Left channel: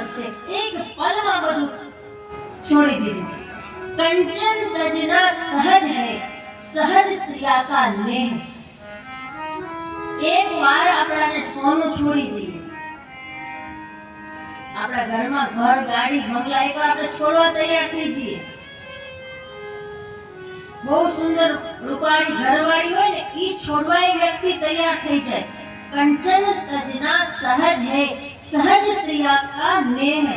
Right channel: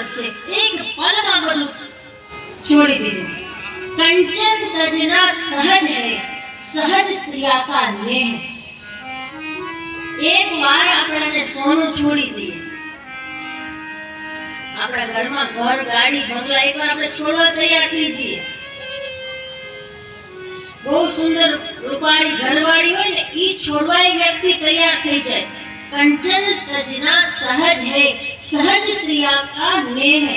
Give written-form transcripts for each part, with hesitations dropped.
દિવસ છે, એક પલમાં બધું છોડી દીધું. કંચન તજના સહજ હૈ, સહજ પ્રિયા કા નેહ. એક વાર આપણાને સોનું છોડી દઈએ, આપણા ઘરમાં ઘર ગાડી બંગલા એક વાર આપણે છોડવા તૈયાર થઈ જઈએ. બહુ સુંદર રૂપાળી ઘરવાળી હોય ને, ઈ છોડવા એ વ્યક્તિ તૈયાર થઈ જાય. કંચન તજના સહજ હૈ, સહજ પ્રિયા કા નેહ.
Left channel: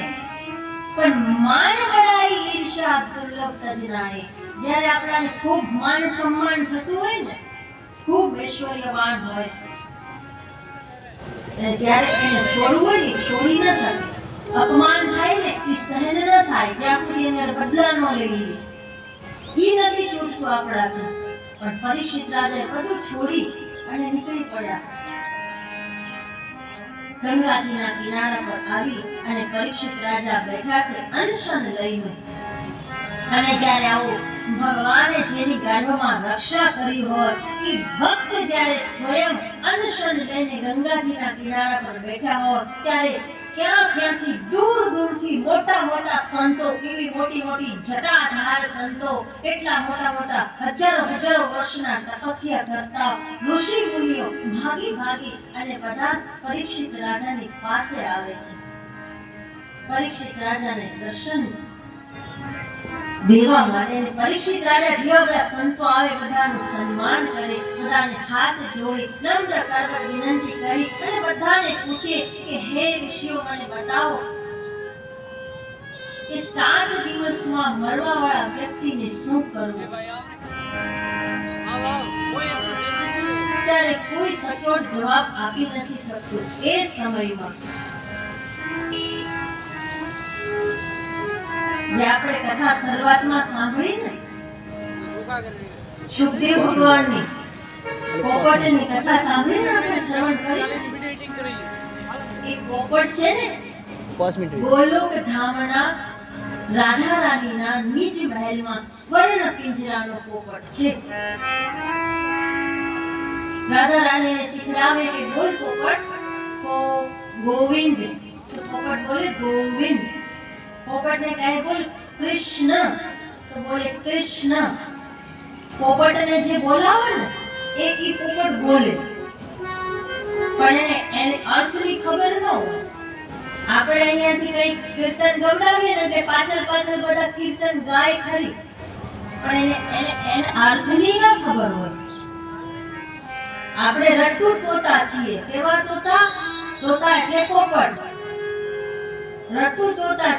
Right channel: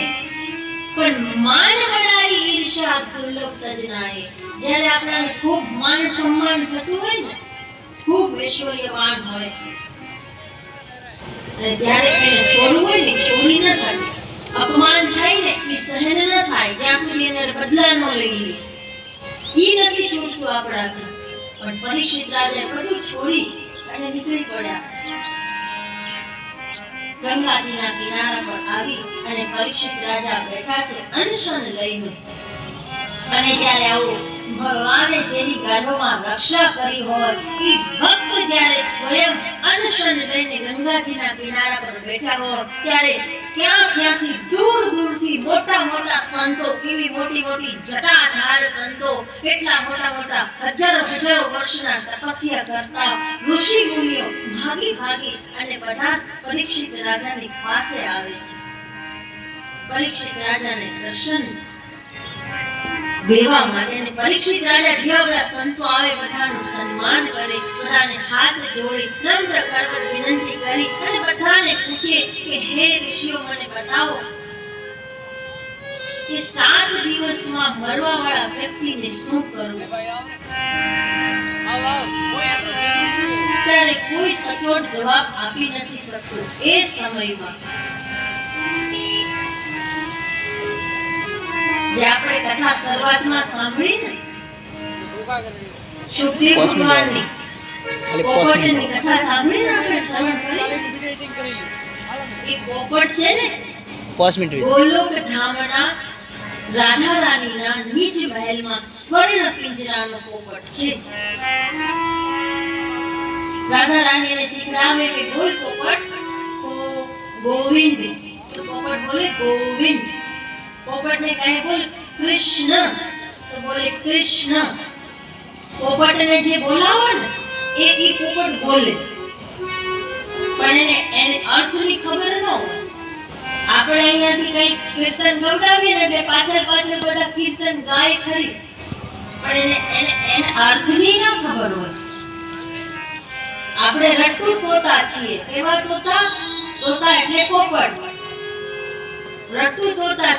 પણ માન બડાઈ ઈર્ષા દુર્લભ તજના હૈ. જ્યારે આપણાને ખૂબ માન સન્માન થતું હોય ને, ખૂબ ઐશ્વર્યવાન હોય, અને ત્યારે એને છોડવું હોય ને, છોડી ન શકે. અપમાન થાય ને, ઈ સહન ન થાય જ્યાં સુધી એને બદલા ન લઈ લે. ઈ નથી છૂટતું આપણાથી. પણ પરીક્ષિત રાજાએ બધું છોડી અને નીકળી પડ્યા. ગંગાજીના કિનારા પર આવી અને પરીક્ષિત રાજા બેઠા છે અનશન લઈને. અને જ્યારે આવું ભગવાને જેની ગર્ભમાં રક્ષા કરી હોય, એ ભક્ત જ્યારે સ્વયં અનશન લઈને ગંગાજીના કિનારા પર બેઠા હોય, ત્યારે ક્યાંથી દૂર દૂરથી મોટા મોટા સંતો, કેવી મોટી મોટી જટાધાર સંતો, કેટલા મોટા મોટા હજારો વર્ષના તપસ્યા કરતા ઋષિ મુનિઓ ભાગી ભાગી અને બધા પરીક્ષિત રાજાની પાસે આવે છે. પરીક્ષિત રાજાને દર્શન દેવા માટે. અને પરીક્ષિત રાજા જેવા બધા સંતો આવે, બધાનું સન્માન કરે, બધાને હાથ જોડી નમ્ર કરકટ વિનંતી કરી અને બધાને પૂછે કે હે ઋષિઓ, મને બતાવો કે 7 દિવસમાં મરવા વાળા વ્યક્તિને શું કરવું? ત્યારે કોઈ સચોટ જવાબ આપી નથી શકતું. એ સમયમાં જે આપણે કથા શરૂઆતમાં સાંભળી ને, સુખદેવ ભગવાનની પોપટની કથા સાંભળી ને, આપણે શ્રવણ કરી. એ પોપટ છે ને, ગોલોક ધામના રાધા રાણીના નિજ મહેલમાં સ્વર્ણ પિંજરાનો પોપટ છે. રાધા રાણીને શીખડાવે કે બોલ પોપટ, તો ગોવિંદ. તો પોપટ બોલે ગોવિંદ. પોપટને કહે બોલ કૃષ્ણ, તો બોલે કૃષ્ણ. પોપટને જે બોલાવો ને, એ પોપટ બોલે, પણ એને અર્થની ખબર ન હોય. આપણે અહીંયાથી કઈ કીર્તન ગવડાવીએ ને, એટલે પાછળ બધા કીર્તન ગાય ખરી, પણ એને અર્થની ન ખબર હોય. આપણે રટ્ટુ તોતા છીએ. કેવા તોતા? તોતા એટલે પોપટ. રટ્ટુ તોતા